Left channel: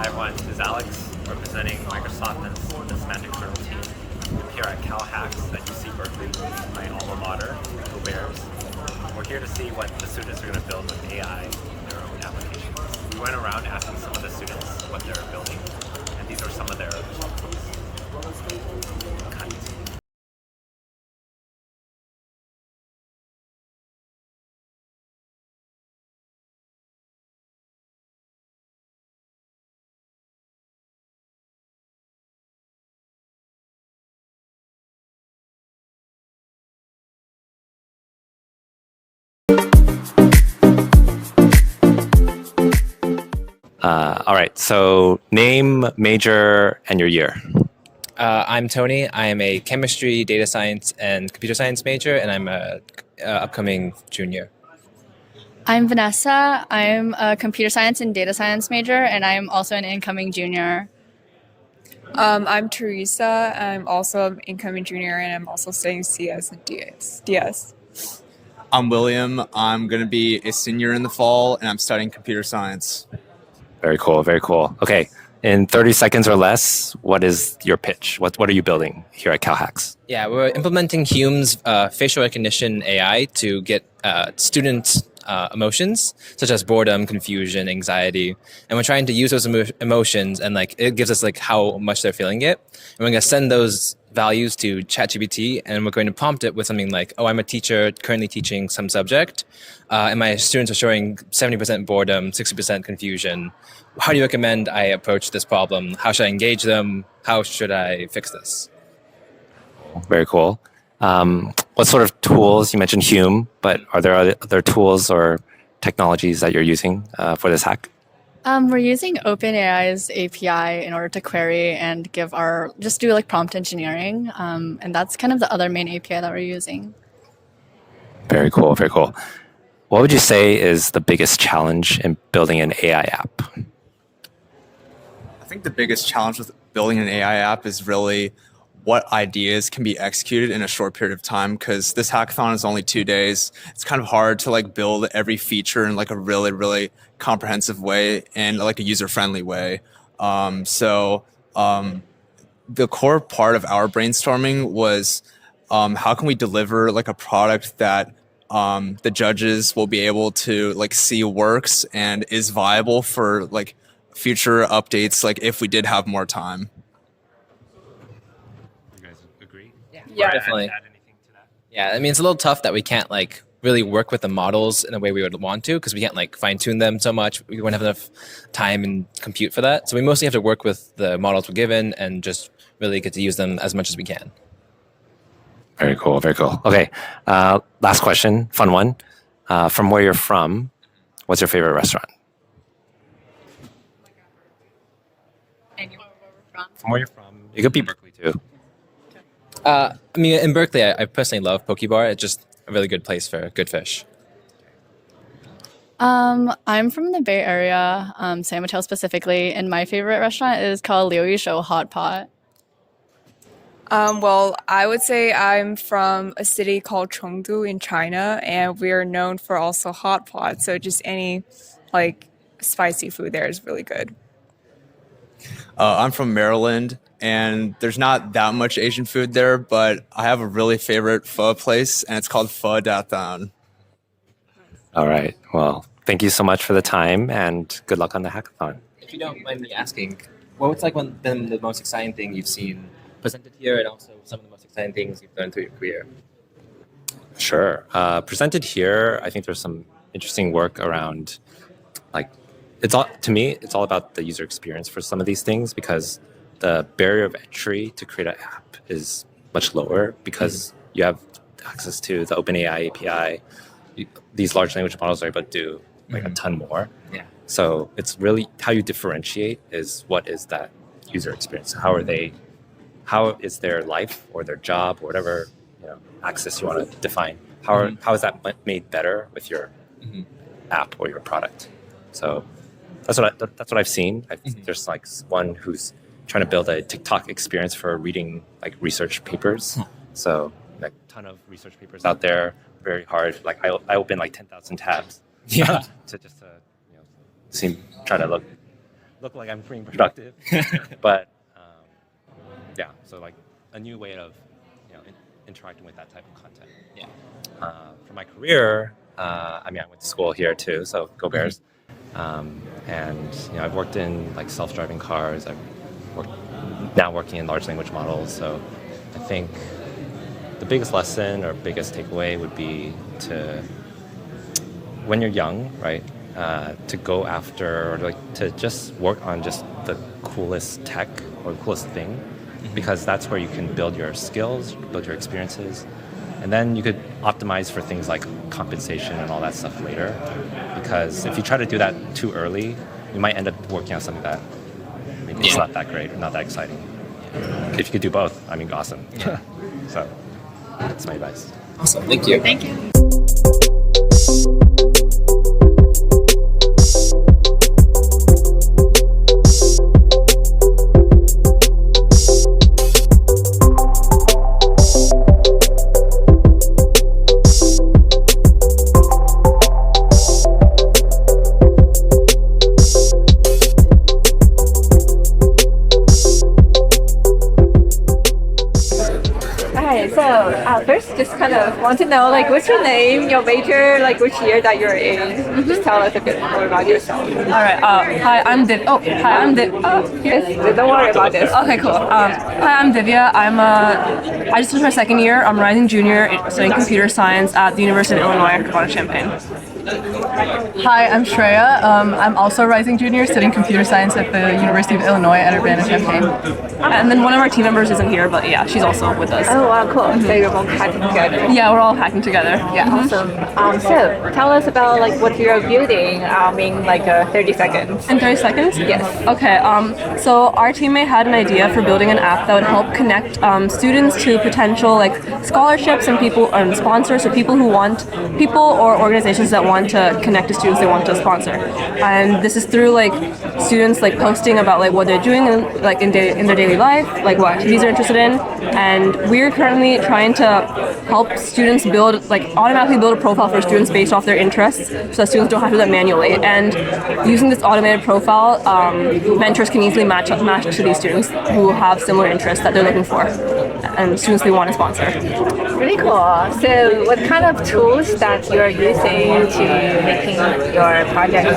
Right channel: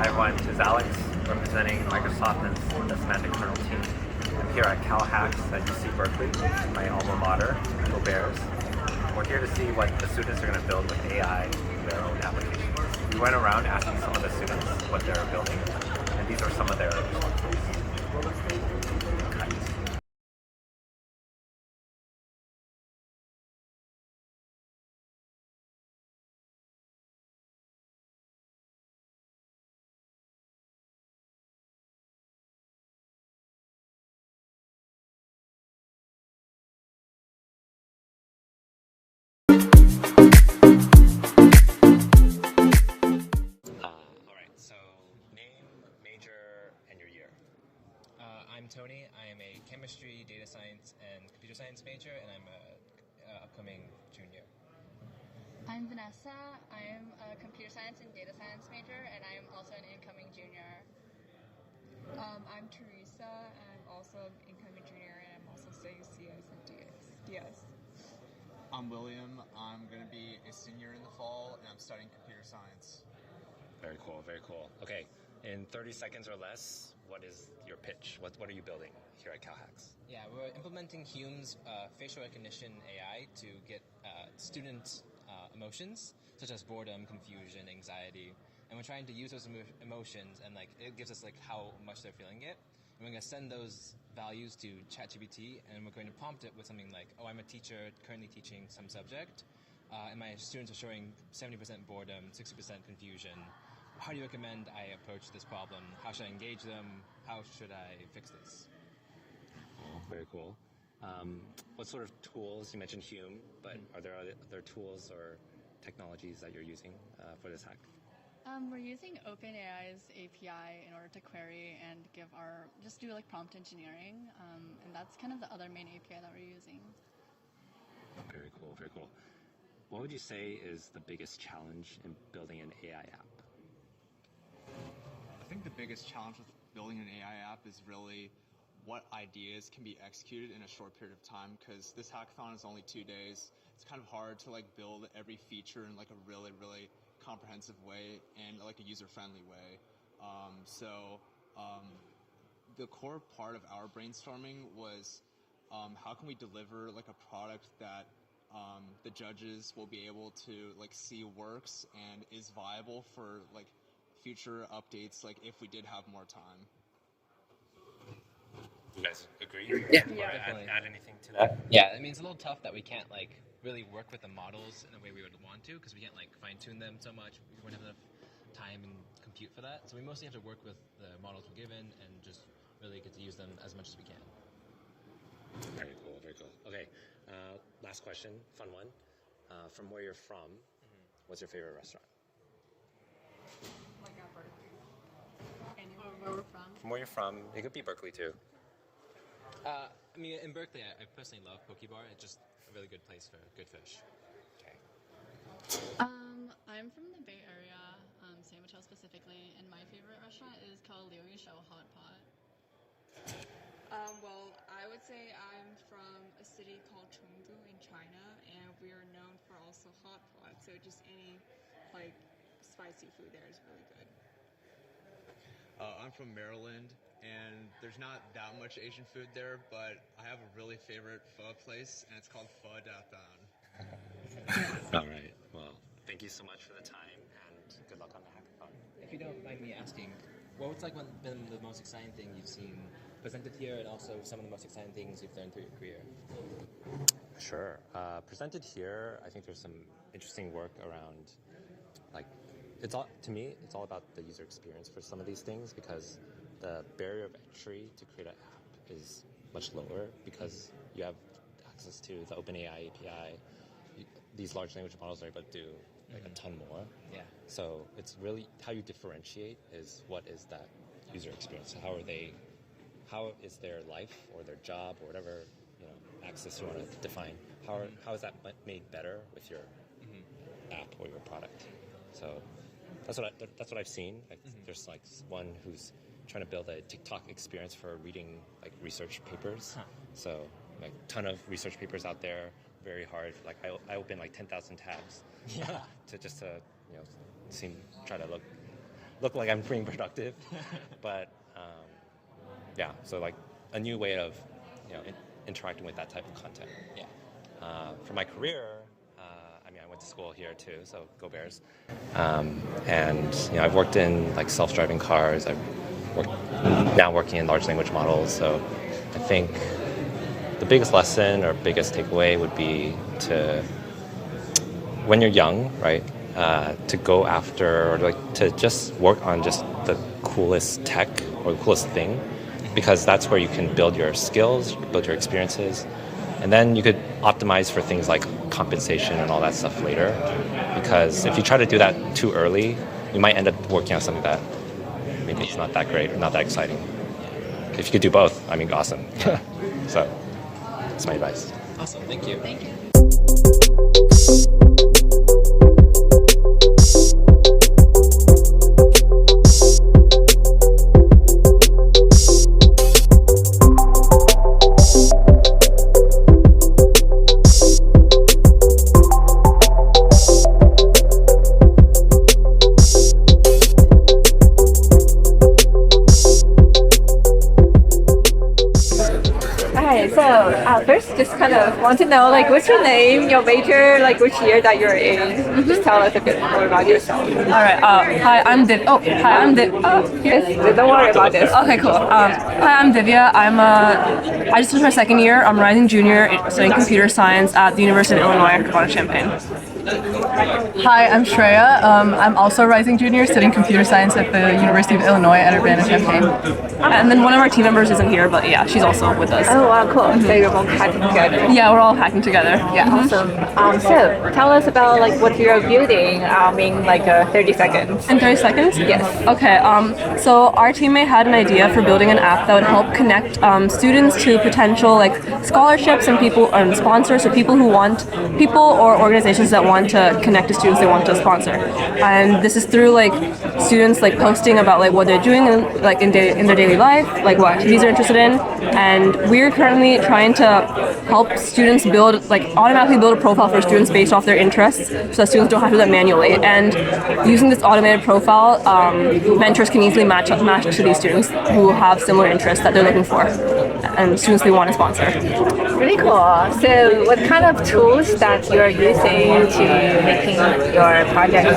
Hi everyone, this is Alex representing Microsoft and the Semantic Kernel team. I'm here at CalHacks at UC Berkeley, my alma mater, Go Bears. And we're here to see what the students are going to build with AI in their own applications. We went around asking some of the students what they're building, and these are some of their responses. All right, so name, major, and your year. I'm Tony. I am a chemistry, data science, and computer science major, and I'm a upcoming junior. I'm Vanessa. I'm a computer science and data science major, and I'm also an incoming junior. I'm Teresa. I'm also an incoming junior, and I'm also studying CS and DS. I'm William. I'm going to be a senior in the fall, and I'm studying computer science. Very cool, very cool. Okay, in 30 seconds or less, what is your pitch? What are you building here at CalHacks? Yeah, we're implementing Hume's facial recognition AI to get students' emotions, such as boredom, confusion, anxiety, and we're trying to use those emotions, and it gives us how much they're feeling it, and we're going to send those values to ChatGPT, and we're going to prompt it with something like, "Oh, I'm a teacher currently teaching some subject, and my students are showing 70% boredom, 60% confusion. How do you recommend I approach this problem? How should I engage them? How should I fix this?" Very cool. What sort of tools? You mentioned Hume, but are there other tools or technologies that you're using for this hack? We're using OpenAI's API in order to query and just do prompt engineering, and that's kind of the other main API that we're using. Very cool, very cool. What would you say is the biggest challenge in building an AI app? I think the biggest challenge with building an AI app is really what ideas can be executed in a short period of time, because this hackathon is only 2 days. It's kind of hard to build every feature in a really, really comprehensive way and a user-friendly way. The core part of our brainstorming was how can we deliver a product that the judges will be able to see works and is viable for future updates if we did have more time. You guys agree? Yeah, definitely. Add anything to that? Yeah, I mean, it's a little tough that we can't really work with the models in a way we would want to, because we can't fine tune them so much. We won't have enough time and compute for that. So we mostly have to work with the models we're given and just really get to use them as much as we can. Very cool, very cool. Okay, last question, fun one. From where you're from, what's your favorite restaurant? And where we're from. From where you're from, it could be Berkeley too. I mean, in Berkeley, I personally love Poke Bar. It's just a really good place for good fish. I'm from the Bay Area, San Mateo specifically, and my favorite restaurant is called Liu Yi Shou Hot Pot. Well, I would say I'm from a city called Chengdu in China, and we are known for also hot pot. So just any spicy food there is really good. I'm from Maryland, and there's not that much Asian food there, but I have a really favorite pho place, and it's called Pho Dathan. All right, well, thank you so much for the time, and good luck on the hackathon. If you don't mind me asking, what's been the most exciting thing you've seen presented here, and also some of the most exciting things you've done through your career? Sure. Presented here, I think there's some interesting work around, it's all about the user experience for some of these things, because the barrier of entry to create an app is much lower because you have access to the OpenAI API. These large language models are able to do a ton more. Yeah. So it's really how you differentiate is what is that user experience. How is their life or their job or whatever access you want to define? How is that made better with your app or your product? So that's what I've seen. There's one who's trying to build a TikTok experience for reading research papers. So ton of research papers out there, very hard. I open 10,000 tabs. Yeah. Try to look look like I'm being productive. But yeah, so like a new way of interacting with that type of content. Yeah. For my career, I went to school here too, so go Bears. And I've worked in like self-driving cars. I've now working in large language models. So I think the biggest lesson or biggest takeaway would be to, when you're young, right, to go after or like to just work on just the coolest tech or the coolest thing, because that's where you can build your skills, build your experiences, and then you could optimize for things like compensation and all that stuff later. Because if you try to do that too early, you might end up working on something that maybe it's not that great, not that exciting. If you could do both, awesome. So that's my advice. Awesome. Thank you. Thank you. First, just kind of want to know, like, what's your name, your major, like, which year that you're in? Just tell us a bit more about yourself. All right. Hi, I'm Div. Oh, hi, I'm Div. Yes, don't worry about this. Okay, cool. Hi, I'm Divya. I just finished my second year. I'm a rising junior studying computer science at the University of Illinois Urbana-Champaign. Hi, I'm Shreya. I'm also a rising junior studying computer science at the University of Illinois at Urbana-Champaign. And then one of our team members isn't here, but yeah, she's also with us. Oh, wow, cool. So you're both hacking together. Yeah, we're all hacking together. Yeah, awesome. So tell us about like what you're building in like 30 seconds. In 30 seconds? Yes. Okay, so our teammate had an idea for building an app that would help connect students to potential like scholarships and people and sponsors, so people or organizations that want to connect to students they want to sponsor. And this is through like students like posting about like what they're doing in their daily life, like what activities they're interested in. And we're currently trying to help students automatically build a profile for students based off their interests, so that students don't have to do that manually. And using this automated profile, mentors can easily match to these students who have similar interests that they're looking for, and students they want to sponsor. Really cool. So what kind of tools that you're using to making your project?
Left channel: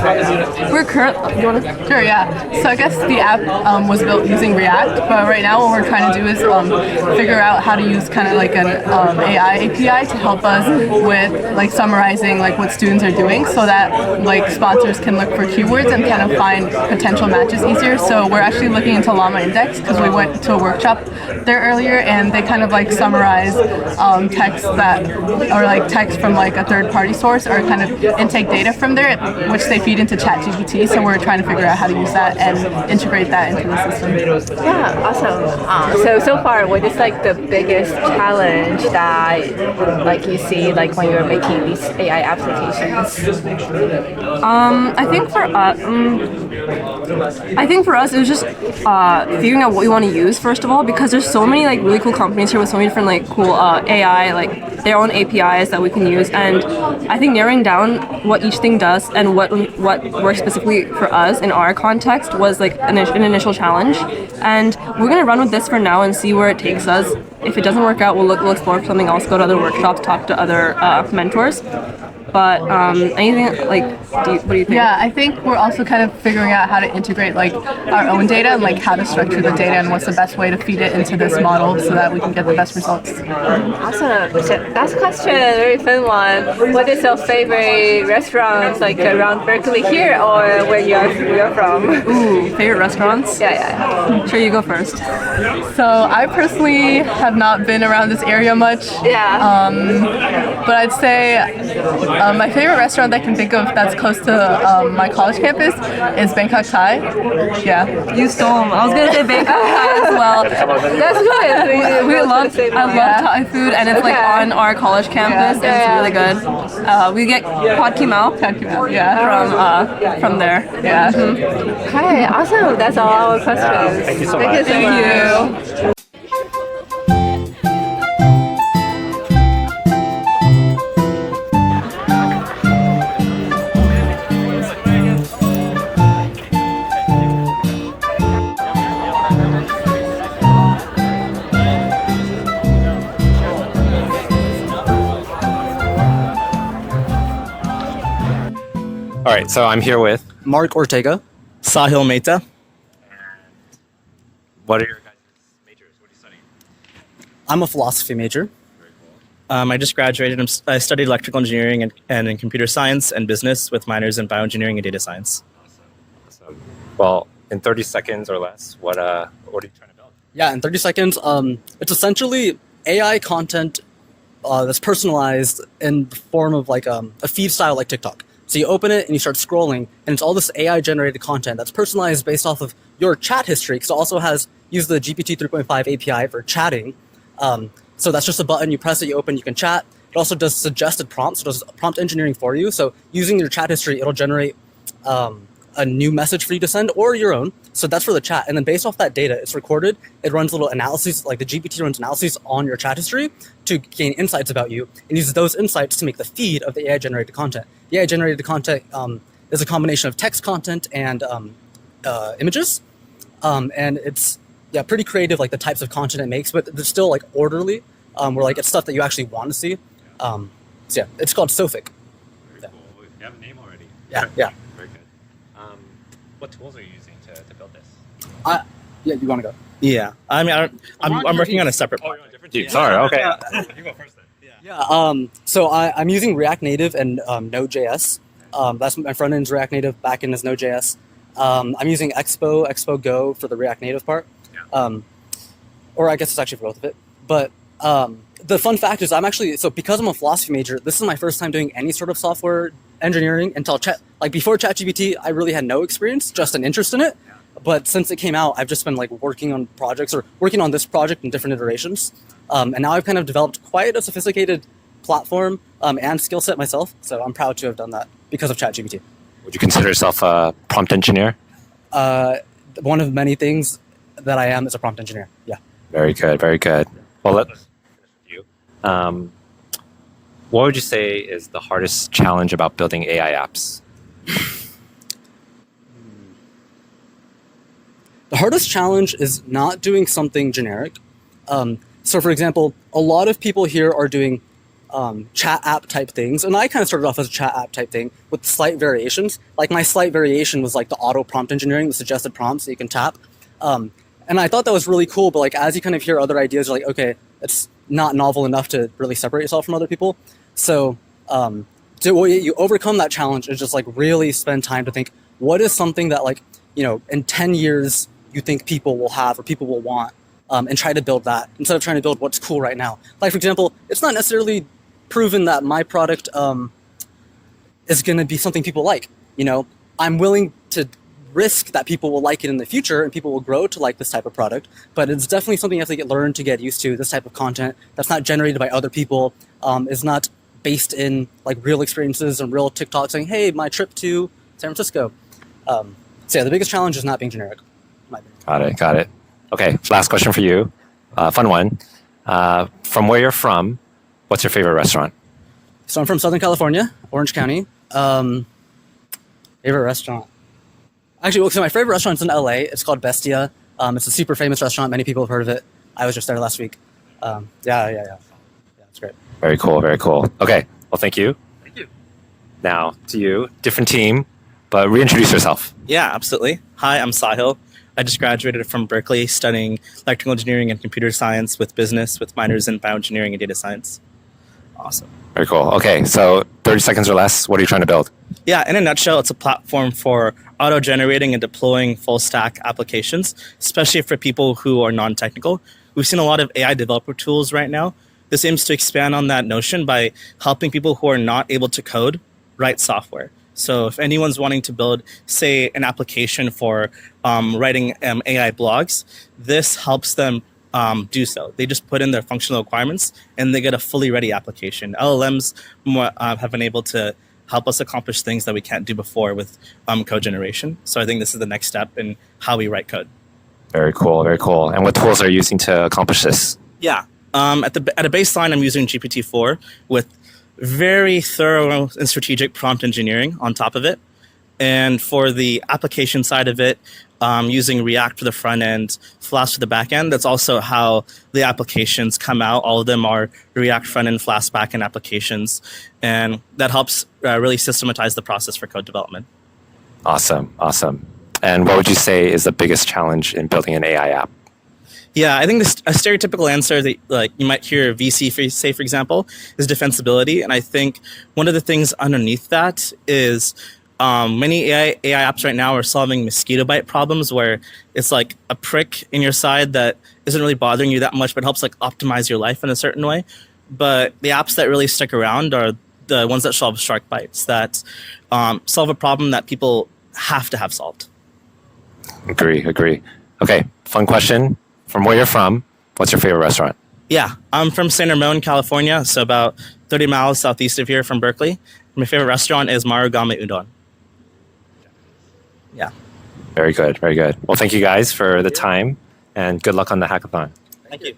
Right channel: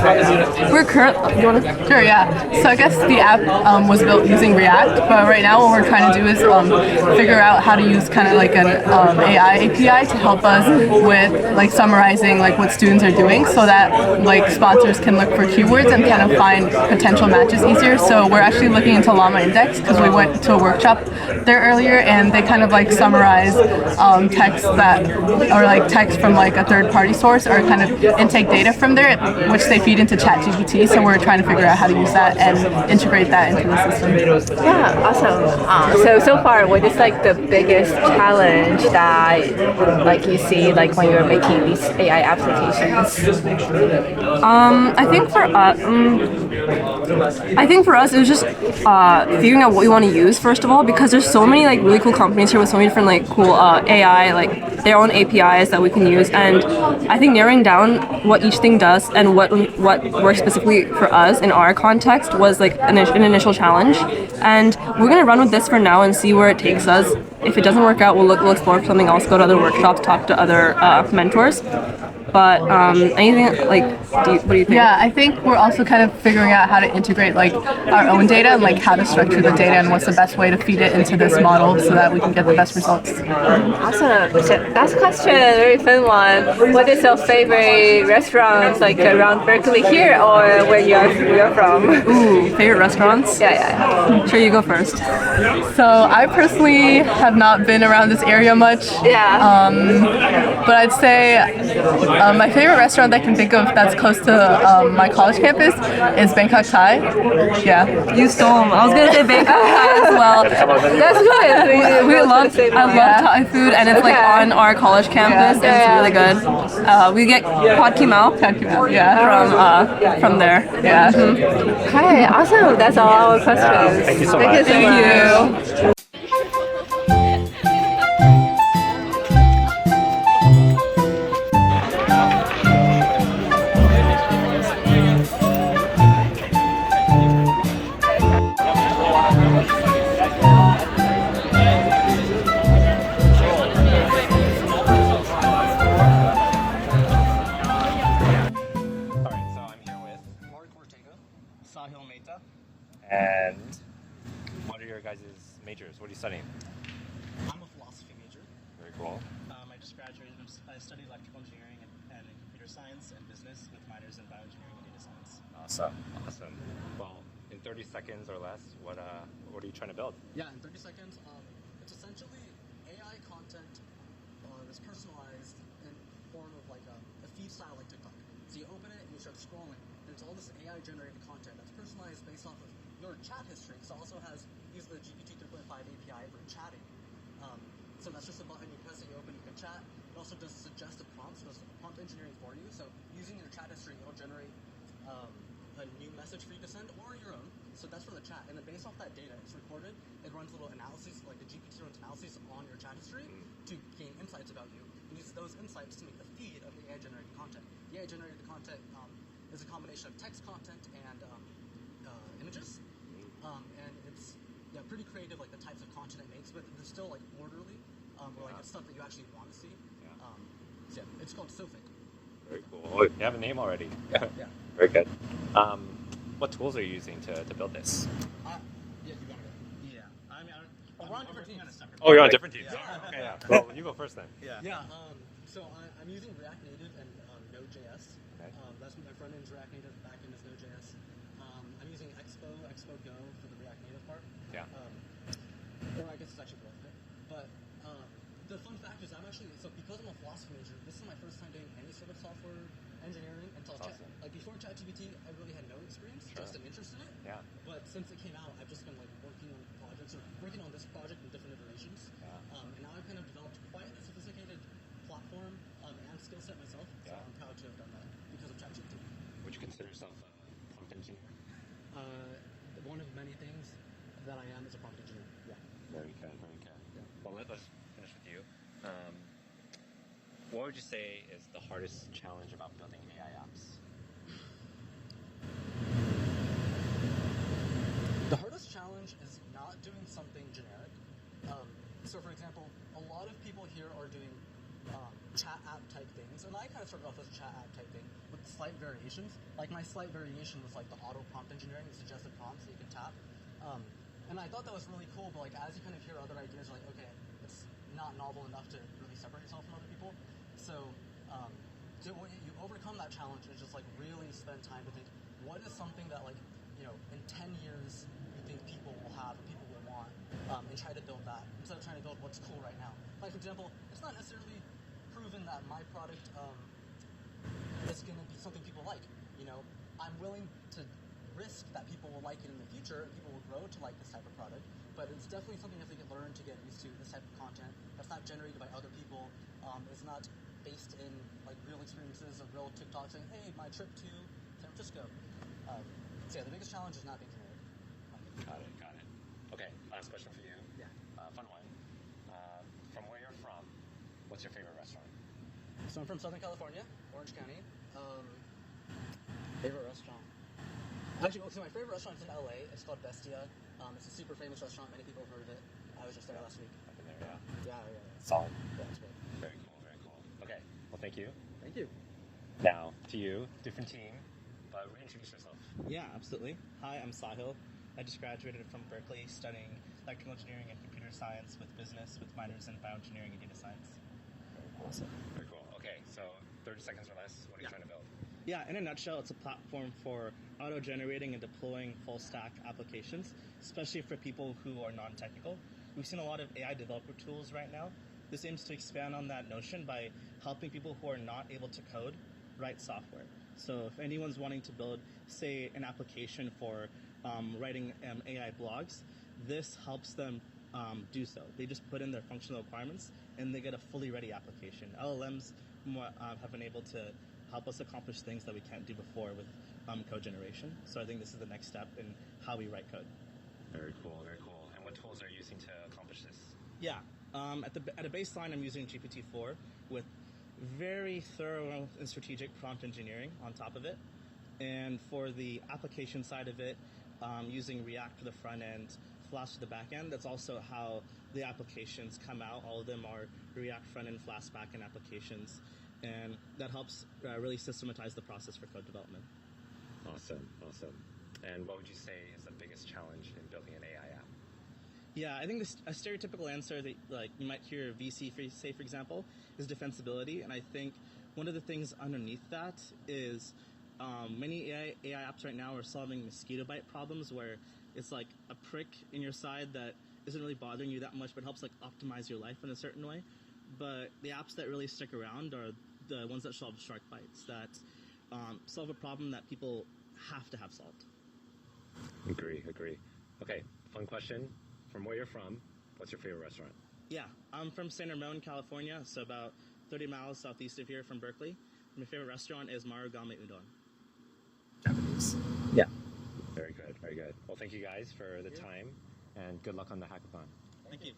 Sure, yeah. So I guess the app was built using React, but right now what we're trying to do is figure out how to use kind of like an AI API to help us with like summarizing like what students are doing, so that like sponsors can look for keywords and kind of find potential matches easier. So we're actually looking into Llama Index because we went to a workshop there earlier, and they kind of like summarize text text from like a third-party source or kind of intake data from there, which they feed into ChatGPT. So we're trying to figure out how to use that and integrate that into the system. Yeah, awesome. So far, what is like the biggest challenge that like you see like when you're making these AI applications? I think for us it was just figuring out what we want to use first of all, because there's so many like really cool companies here with so many different like cool AI like their own APIs that we can use, and I think narrowing down what each thing does and what works specifically for us in our context was like an initial challenge, and we're gonna run with this for now and see where it takes us. If it doesn't work out, we'll explore something else, go to other workshops, talk to other mentors. But anything like, what do you think? Yeah, I think we're also kind of figuring out how to integrate like our own data and like how to structure the data and what's the best way to feed it into this model so that we can get the best results. Awesome. So last question, very fun one. What is your favorite restaurant like around Berkeley here or where you're from? Ooh, favorite restaurants? Yeah. Sure, you go first. So I personally have not been around this area much. Yeah. But I'd say my favorite restaurant that I can think of that's close to my college campus is Bangkok Thai. Yeah. You stole them. I was gonna say Bangkok Thai as well. That's good. I love Thai food, and it's like on our college campus, and it's really good. We get pad ki mao. Yeah. From there. Yeah. Okay, awesome. That's all our questions. Thank you so much. Thank you. right, so I'm here with, Mark Ortega. Sahil Mehta. and what are your guys' majors? What are you studying? I'm a philosophy major. Very cool. I just graduated. I studied electrical engineering and in computer science and business with minors in bioengineering and data science. Awesome. Well, in 30 seconds or less, what are you trying to build? Yeah, in 30 seconds, it's essentially AI content that's personalized in the form of like a feed style like TikTok. So you open it and you start scrolling, and it's all this AI generated content that's personalized based off of your chat history, because it also has used the GPT 3.5 API for chatting. So that's just a button, you press it, you open, you can chat. It also does suggested prompts, so it does prompt engineering for you. So using your chat history, it'll generate a new message for you to send or your own. So that's for the chat. And then based off that data, it's recorded. It runs little analyses, like the GPT runs analyses on your chat history to gain insights about you and uses those insights to make the feed of the AI generated content. The AI generated content is a combination of text content and images. And it's pretty creative, like the types of content it makes, but they're still like orderly, where like it's stuff that you actually want to see. So yeah, it's called Sophic. Very cool. You have a name already. Yeah. Very good. What tools are you using to build this? Yeah, you want to go? Yeah, I mean, I'm working on a separate. Oh, you're on a different team. Sorry. Okay. Well, you go first then. Yeah. So I'm using React Native and Node.js. That's my front end's React Native, back end is Node.js. I'm using Expo Go for the React Native part. Yeah. Or I guess it's actually for both of it. But the fun fact is because I'm a philosophy major, this is my first time doing any sort of software engineering until before ChatGPT, I really had no experience, just an interest in it. Yeah. But since it came out, I've just been like working on projects or working on this project in different iterations. And now I've kind of developed quite a sophisticated platform and skill set myself. So I'm proud to have done that because of ChatGPT. Would you consider yourself a prompt engineer? One of many things that I am is a prompt engineer. Yeah. Very good. Very good. Well, let's finish with you. What would you say is the hardest challenge about building AI apps? The hardest challenge is not doing something generic. So for example, a lot of people here are doing chat app type things. And I kind of started off as a chat app type thing with slight variations. Like my slight variation was like the auto prompt engineering, the suggested prompts that you can tap. And I thought that was really cool, but like as you kind of hear other ideas, you're like, okay, it's not novel enough to really separate yourself from other people. So you overcome that challenge is just like really spend time to think, what is something that like, in 10 years you think people will have or people will want, and try to build that instead of trying to build what's cool right now. Like for example, it's not necessarily proven that my product is going to be something people like. I'm willing to risk that people will like it in the future and people will grow to like this type of product, but it's definitely something you have to learn to get used to. This type of content that's not generated by other people, is not based in like real experiences and real TikTok saying, hey, my trip to San Francisco. So yeah, the biggest challenge is not being generic. Got it. Okay, last question for you. Fun one. From where you're from, what's your favorite restaurant? So I'm from Southern California, Orange County. Favorite restaurant. Actually, so my favorite restaurant's in LA. It's called Bestia. It's a super famous restaurant. Many people have heard of it. I was just there last week. Yeah. Solid. It's great. Very cool. Okay, well, thank you. Thank you. Now to you, different team, but reintroduce yourself. Yeah, absolutely. Hi, I'm Sahil. I just graduated from Berkeley studying electrical engineering and computer science with business with minors in bioengineering and data science. Awesome. Very cool. Okay, so 30 seconds or less, what are you trying to build? Yeah, in a nutshell, it's a platform for auto-generating and deploying full-stack applications, especially for people who are non-technical. We've seen a lot of AI developer tools right now. This aims to expand on that notion by helping people who are not able to code write software. So if anyone's wanting to build, say, an application for writing AI blogs, this helps them do so. They just put in their functional requirements and they get a fully ready application. LLMs have been able to help us accomplish things that we can't do before with code generation. So I think this is the next step in how we write code. Very cool. And what tools are you using to accomplish this? Yeah. At a baseline, I'm using GPT-4 with very thorough and strategic prompt engineering on top of it. And for the application side of it, using React for the front end, Flask for the back end. That's also how the applications come out. All of them are React front end, Flask back end applications. And that helps really systematize the process for code development. Awesome. And what would you say is the biggest challenge in building an AI app? Yeah, I think a stereotypical answer that like you might hear VC say, for example, is defensibility. And I think one of the things underneath that is many AI apps right now are solving mosquito bite problems where it's like a prick in your side that isn't really bothering you that much, but helps like optimize your life in a certain way. But the apps that really stick around are the ones that solve shark bites, that solve a problem that people have to have solved. Agree. Okay, fun question. From where you're from, what's your favorite restaurant? Yeah, I'm from San Ramon, California, so about 30 miles southeast of here from Berkeley. My favorite restaurant is Marugame Udon. Yeah. Very good. Well, thank you guys for the time, and good luck on the hackathon. Thank you.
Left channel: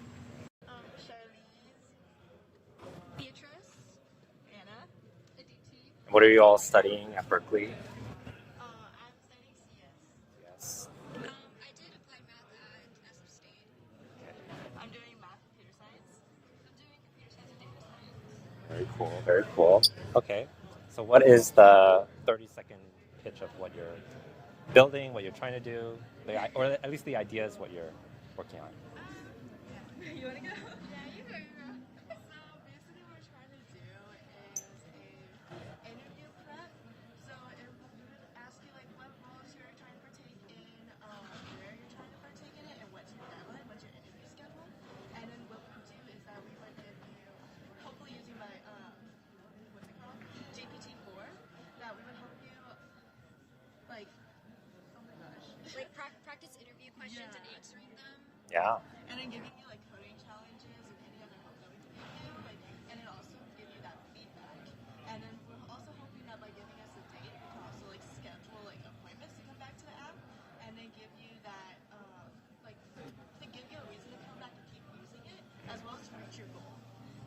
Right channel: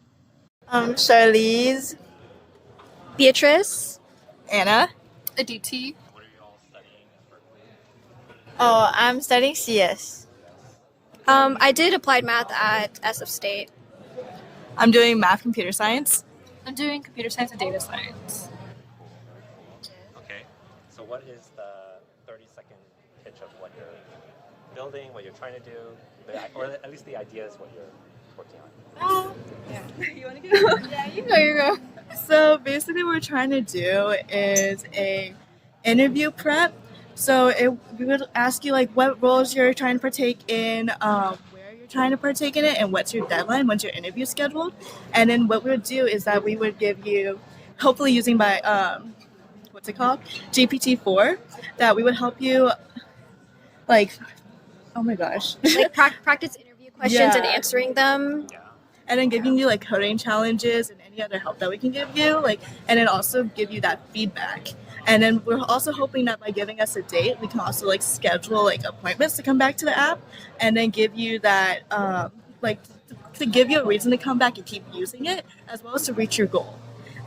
Charlize. Beatrice. Anna. Aditi. What are you all studying at Berkeley? Oh, I'm studying CS. I did applied math at SF State. I'm doing math computer science. I'm doing computer science and data science. Very cool. Okay, so what is the 30-second pitch of what you're building, what you're trying to do, or at least the idea is what you're working on? You want to go? Yeah, you go. So basically what we're trying to do is a interview prep. So we would ask you like what roles you're trying to partake in, where you're trying to partake in it, and what's your deadline, when's your interview scheduled. And then what we would do is that we would give you, hopefully using by, what's it called? GPT-4, that we would help you like, oh my gosh. Like practice interview questions and Yeah. answering them. Yeah. And then giving you like coding challenges and any other help that we can give you, like, and then also give you that feedback. And then we're also hoping that by giving us a date, we can also like schedule like appointments to come back to the app, and then give you that like to give you a reason to come back and keep using it, as well as to reach your goal.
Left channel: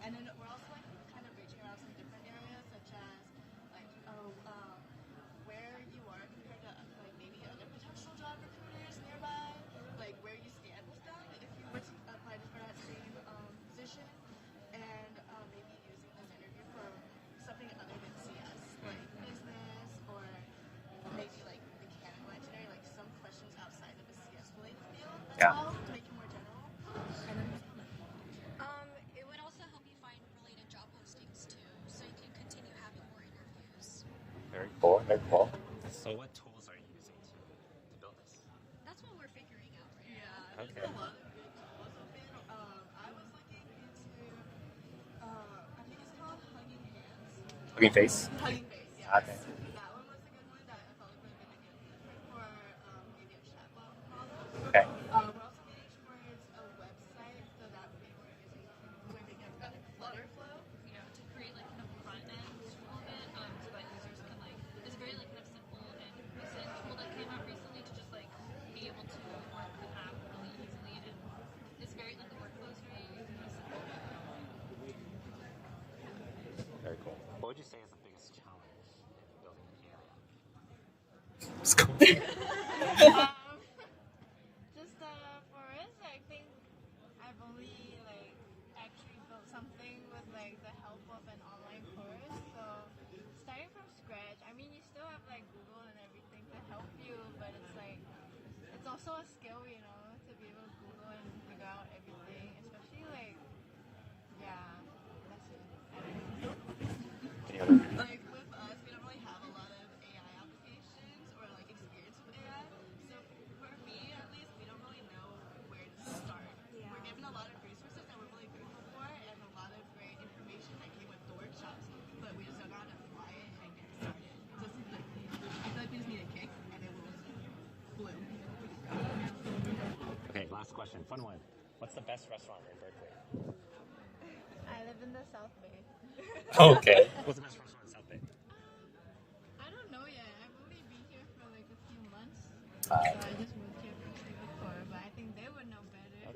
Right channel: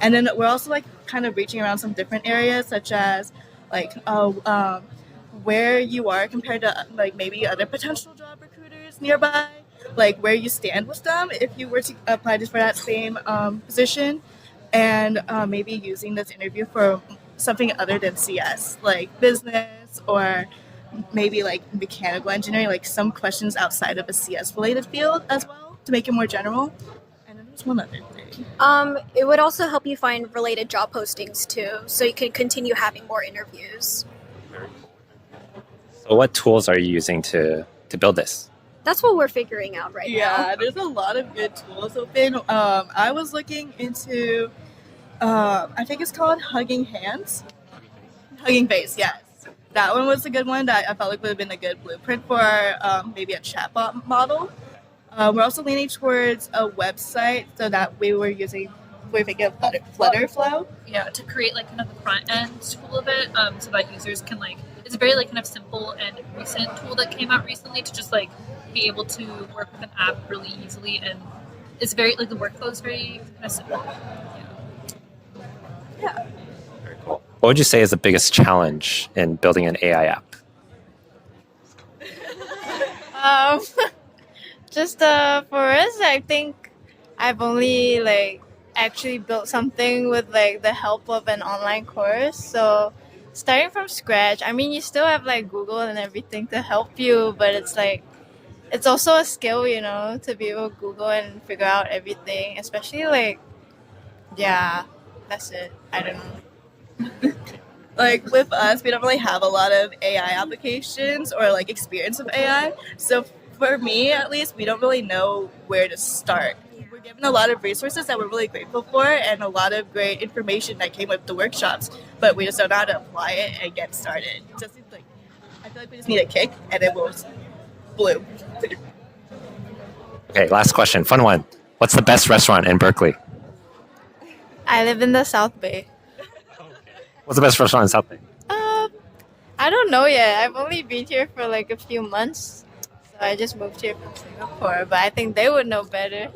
And then we're also like kind of reaching around some different areas, such as like where you are compared to like maybe other potential job recruiters nearby, like where you stand with them if you were to apply just for that same position, and maybe using this interview for something other than CS, like business or maybe like mechanical engineering, like some questions outside of a CS related field as well, to make it more general. And then there's one other thing. It would also help you find related job postings too, so you can continue having more interviews. Very cool. So what tools are you using to build this? That's what we're figuring out right now. Yeah, there's a lot of good tools open. I was looking into, I think it's called Hugging Hands. Hugging Face? Hugging Face, yeah. Okay. That one was a good one that I felt like would have been a good blueprint for maybe a chatbot model. Okay. We're also leaning towards a website, so that we were thinking of Flutterflow. Yeah, to create like kind of the front end tool of it, so that users can like, it's a very like kind of simple and recent tool that came out recently to just like be able to work with an app really easily, and it's very like the workflow is very kind of simple. Yeah. Very cool. What would you say is the biggest challenge in building an AI app? Just for us, I think I've only like actually built something with like the help of an online course. So starting from scratch, I mean, you still have like Google and everything to help you, but it's like it's also a skill, you know, to be able to Google and figure out everything, especially like, yeah, that's it. I don't know. Like with us, we don't really have a lot of AI applications or like experience with AI. So for me, at least, we don't really know where to start. We're given a lot of resources that we're really grateful for, and a lot of great information that came with the workshops, but we just don't know how to apply it and get started. Just like, I feel like we just need a kick, and then we'll bloom. Okay, last question. Fun one. What's the best restaurant in Berkeley? I live in the South Bay. Okay. What's the best restaurant in South Bay? I don't know yet. I've only been here for like a few months. I just moved here from Singapore, but I think they would know better.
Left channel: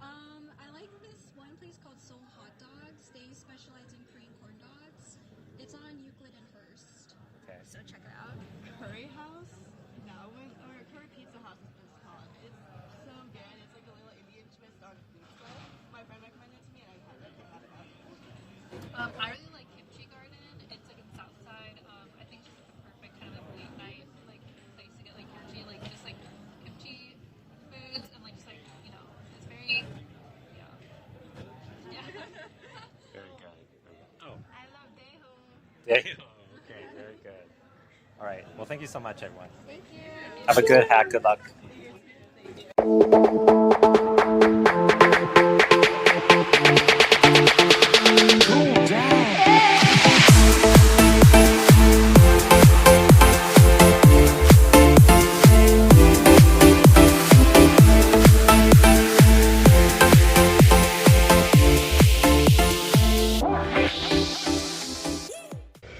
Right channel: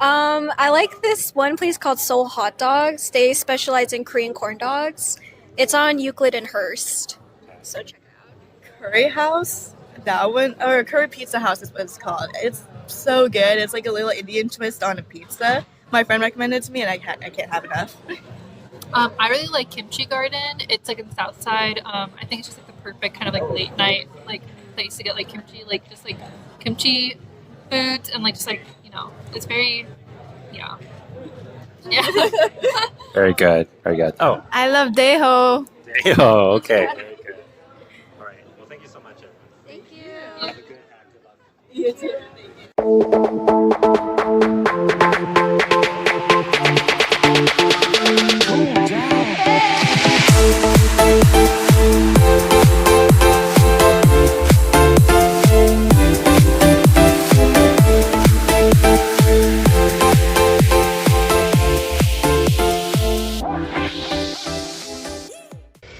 I like this one place called Seoul Hot Dogs. They specialize in Korean corn dogs. It's on Euclid and Hearst, so check it out. Curry House. that one, or Curry Pizza House is what it's called. It's so good. It's like a little Indian twist on a pizza. My friend recommended it to me, and I can't have enough. I really like Kimchi Garden. It's like in the South Side. I think it's just like the perfect kind of like late night like place to get like kimchi, like just like kimchi foods, and like just like it's very yeah. Very good. Very good. Oh, I love Daeho. oh, okay. Very good. All right. Well, thank you so much, everyone. Thank you. Have a good hack. Good luck. You too.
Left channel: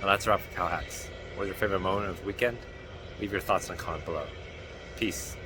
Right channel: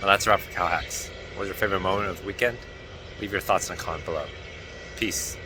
Well, that's a wrap for CalHacks. What was your favorite moment of the weekend? Leave your thoughts in the comment below. Peace.